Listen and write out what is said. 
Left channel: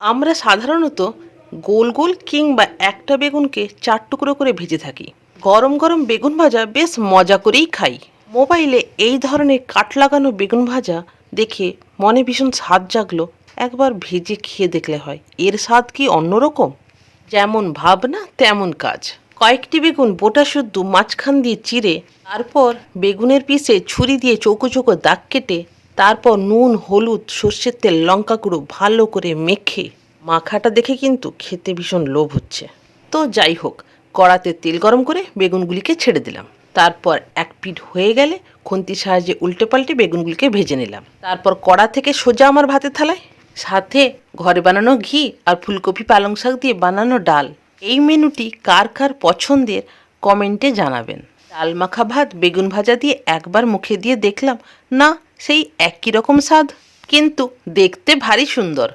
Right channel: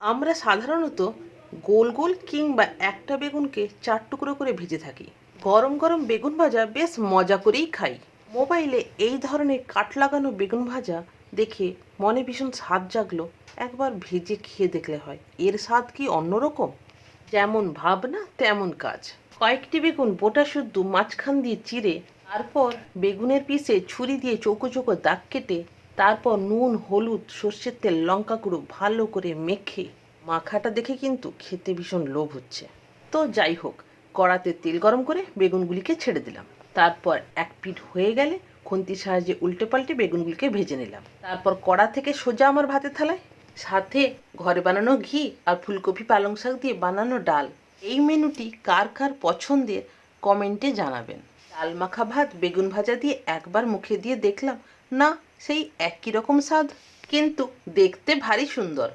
আমরা সাধারণত গোল গোল কিংবা একটা বেগুনকে 4 টুকরো করে ভেজে থাকি। গরম গরম বেগুন ভাজা বেশ মজা করেই খাই। মোবাইলে এই ধরনের কাঠ লাগানো বেগুন ভাজা দেখে মনে ভীষণ স্বাদ জাগলো। একবার ভেজে খেয়ে দেখলে হয়, এর স্বাদ কি অন্যরকম। যেমন ভাবনা তেমন কাজ। কয়েকটি বেগুন বোটা শুদ্ধ মাঝখান দিয়ে চিড়ে, তারপর বেগুনের পিসে ছুরি দিয়ে চৌকো চৌকো দাগ কেটে, তারপর নুন হলুদ সর্ষের তেল লঙ্কা গুঁড়ো ভালো করে মেখে, মাখাটা দেখে কিন্তু খেতে ভীষণ লোভ হচ্ছে। তো যাই হোক, কড়াতে তেল গরম করে বেগুনগুলিকে ছেড়ে দিলাম। তারপর এক পিঠ হয়ে গেলে খুন্তির সাহায্যে উল্টে পাল্টে বেগুনগুলিকে ভেজে নিলাম। তারপর কড়া থেকে সোজা আমার ভাতের থালায়, সাথে ঘরে বানানো ঘি আর ফুলকপি পালং শাক দিয়ে বানানো ডাল। এই মেনুটি কার কার পছন্দের কমেন্টে জানাবেন। ডাল মাখা ভাত বেগুন ভাজা দিয়ে একবার মুখে দিয়ে দেখলাম, না সেই একই রকম স্বাদ, কিন্তু দেখতে ভারী সুন্দর।